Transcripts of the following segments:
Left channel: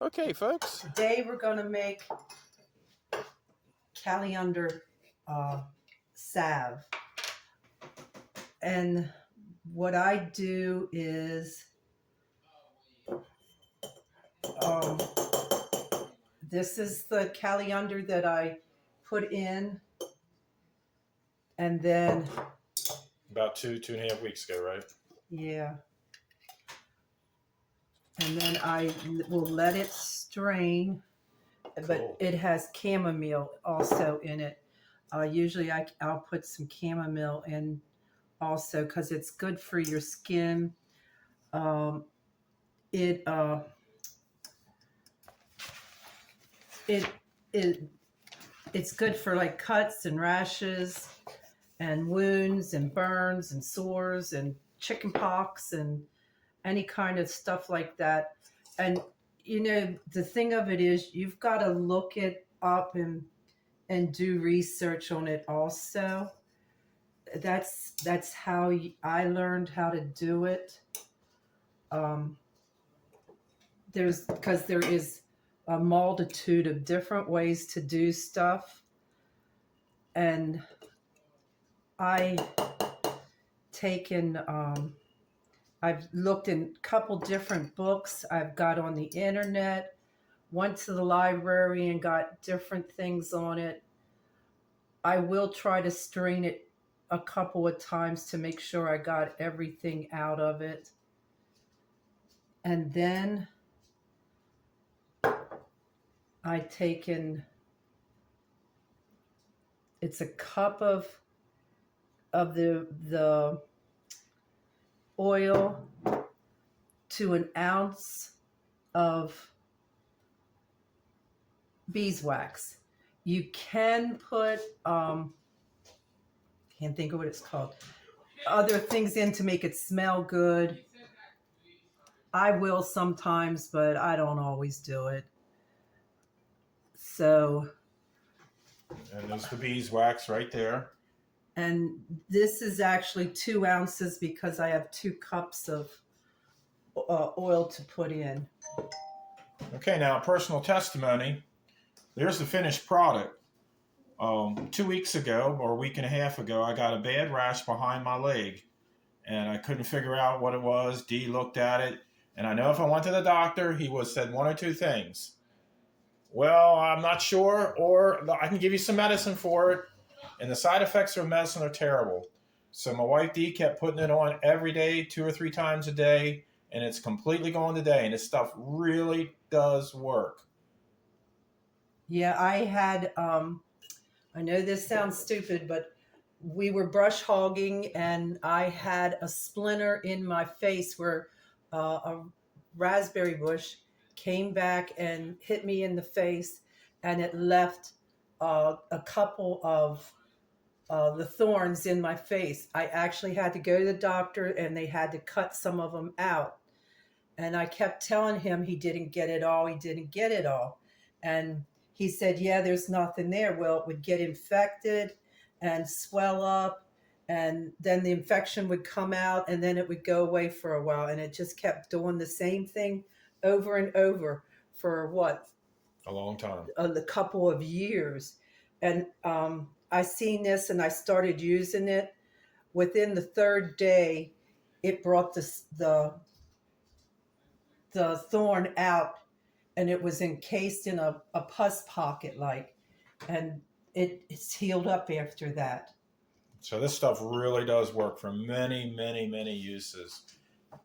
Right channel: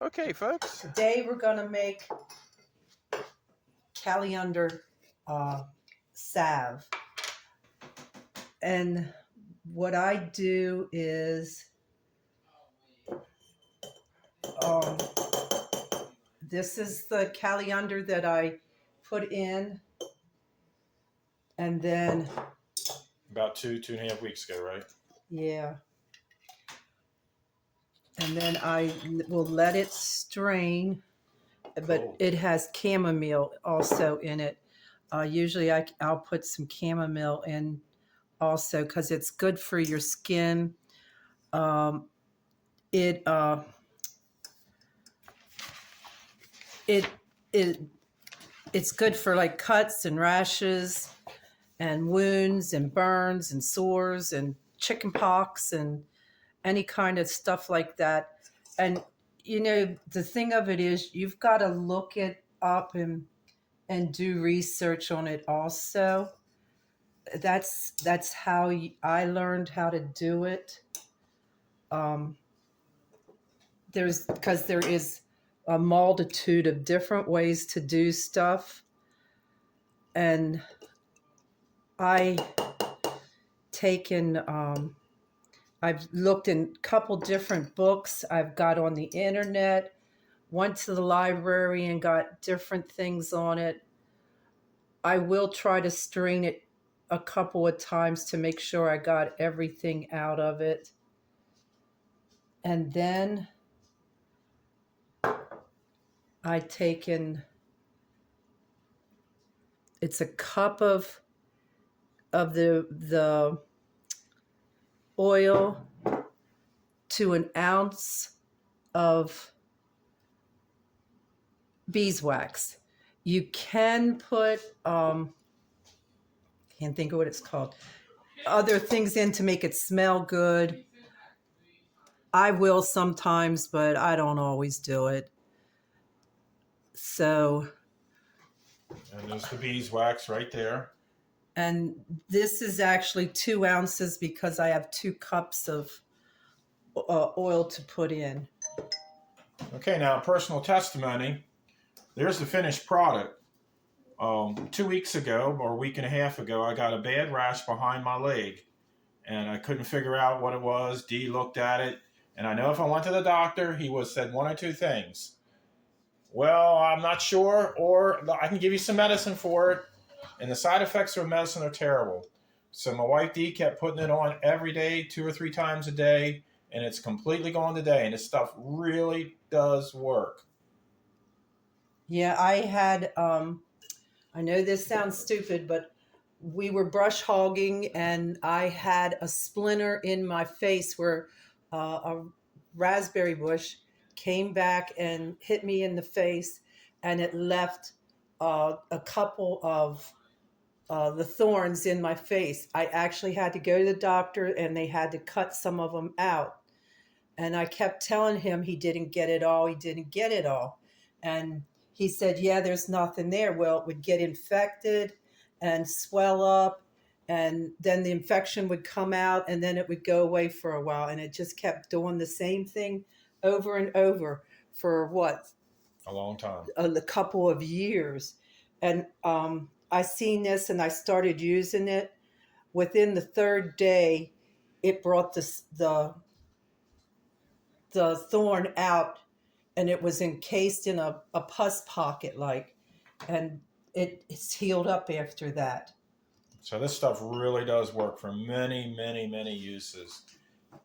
Okay, folks. Today we're going to make calendula salve. And what I do is this is the calendula that I put in, and then About 2.5 weeks ago, right? yeah, and then I will let it strain. But Cool. it has chamomile also in it. Usually I'll put some chamomile in also because it's good for your skin. Um, it it it it's good for like cuts and rashes and wounds and burns and sores and chicken pox and any kind of stuff like that. And you know, the thing of it is you've got to look it up and do research on it also. That's how I learned how to do it. There's because there is a multitude of different ways to do stuff, and I taken I've looked in a couple different books I've got on the internet, went to the library and got different things on it. I will try to strain it a couple of times to make sure I got everything out of it. And then I taken it's a cup of the oil to an ounce of beeswax. You can put can't think of what it's called, other things in to make it smell good. I will sometimes, but I don't always do it. So, And there's the beeswax right there. and this is actually 2 ounces because I have 2 cups of oil to put in. Okay, now personal testimony. There's the finished product. 2 weeks ago or a week and a half ago, I got a bad rash behind my leg, and I couldn't figure out what it was. Dee looked at it, and I know if I went to the doctor, he would have said one or two things. Well, I'm not sure, or I can give you some medicine for it, and the side effects of medicine are terrible. So my wife Dee kept putting it on every day, 2 or 3 times a day, and it's completely gone today, and this stuff really does work. Yeah, I had I know this sounds stupid, but we were brush hogging and I had a splinter in my face where a raspberry bush came back and hit me in the face, and it left a couple of the thorns in my face. I actually had to go to the doctor and they had to cut some of them out. And I kept telling him he didn't get it all. He didn't get it all. And he said, yeah, there's nothing there. Well, it would get infected and swell up. And then the infection would come out and then it would go away for a while. And it just kept doing the same thing over and over for what? A long time. A couple of years. And I seen this and I started using it. Within the 3rd day, it brought the thorn out, and it was encased in a pus pocket, like, and it's healed up after that. So this stuff really does work for many, many, many uses.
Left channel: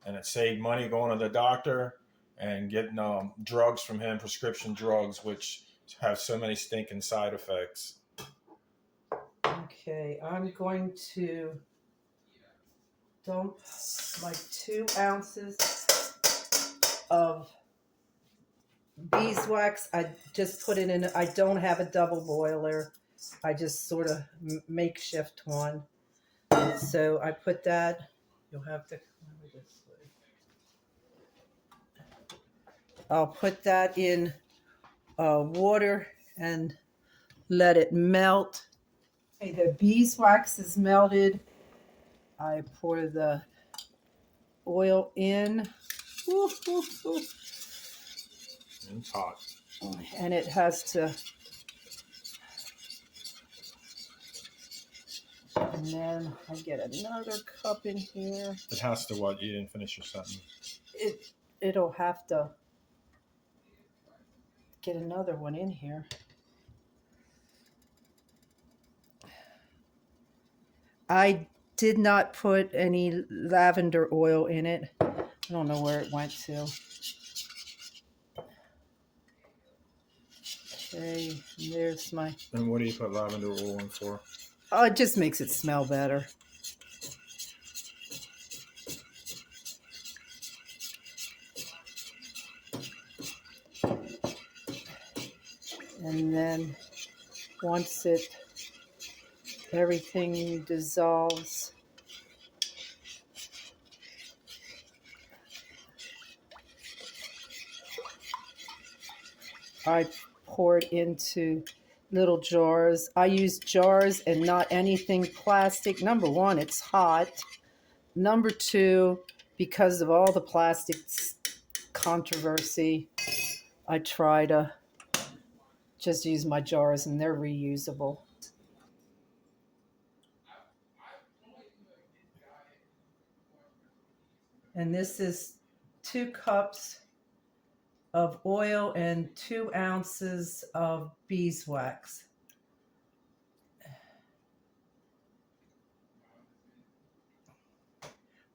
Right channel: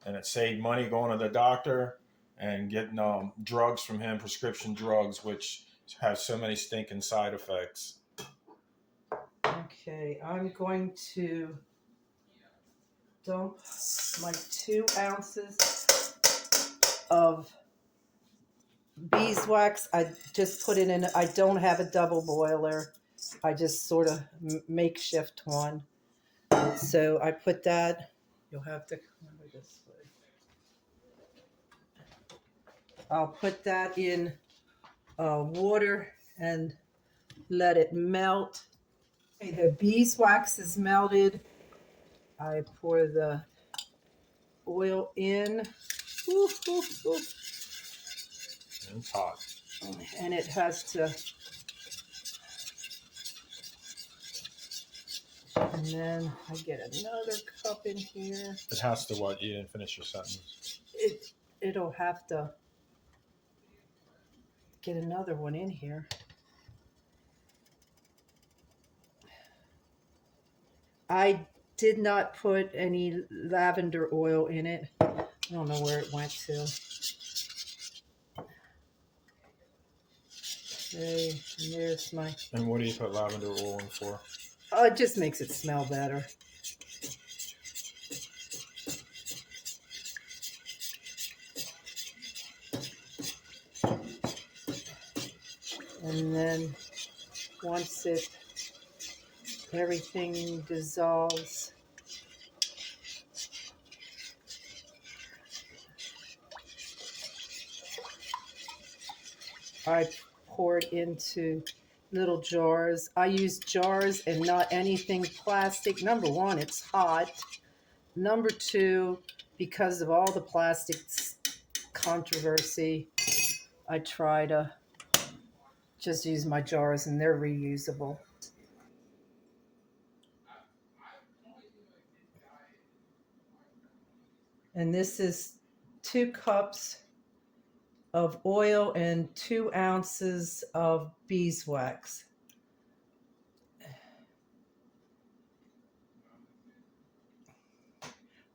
And it saved money going to the doctor and getting drugs from him, prescription drugs, which have so many stinking side effects. Okay, I'm going to dump like 2 ounces of beeswax. I just put it in. I don't have a double boiler. I just sort of makeshift one. So I put that. You'll have to come over this way. I'll put that in water and let it melt. Okay, the beeswax is melted. I pour the oil in. Woo, woo, woo. It's hot. And it has to, and then I get another cup in here. It has to what? You didn't finish your sentence. It'll have to get another one in here. I did not put any lavender oil in it. I don't know where it went to. Okay, and there's my... And what do you put lavender oil in for? Oh, it just makes it smell better. And then once everything dissolves, I pour it into little jars. I use jars and not anything plastic. Number one, it's hot. Number two, because of all the plastics controversy, I try to just use my jars, and they're reusable. And this is 2 cups of oil and 2 ounces of beeswax.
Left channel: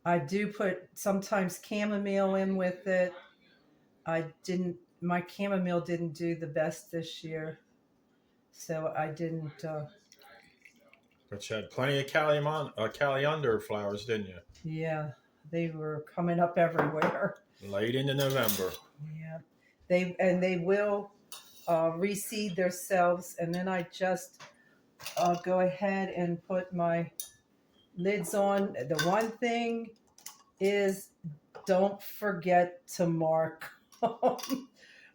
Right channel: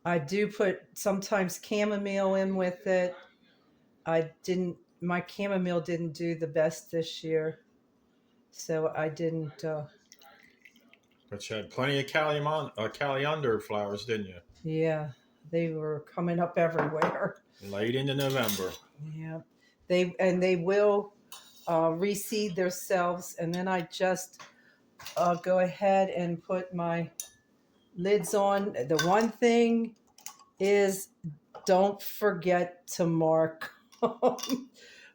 I do put sometimes chamomile in with it. My chamomile didn't do the best this year, so I didn't. But you had plenty of calendar flowers, didn't you? Yeah, they were coming up everywhere. Late into November. Yeah, they will reseed themselves, and then I just go ahead and put my lids on. The one thing is, don't forget to mark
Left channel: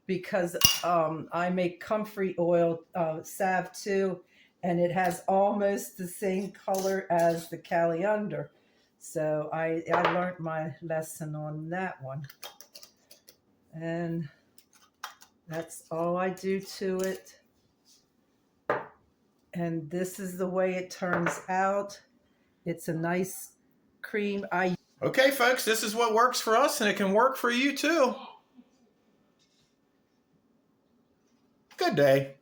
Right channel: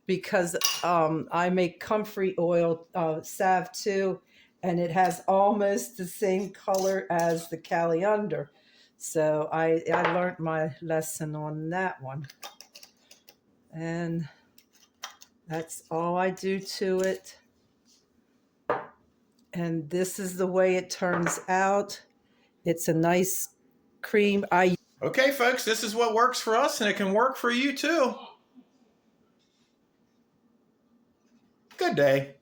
because I make comfrey oil salve too, and it has almost the same color as the calendar. So I learned my lesson on that one. And that's all I do to it. And this is the way it turns out. It's a nice cream. Okay, folks, this is what works for us, and it can work for you too. Good day.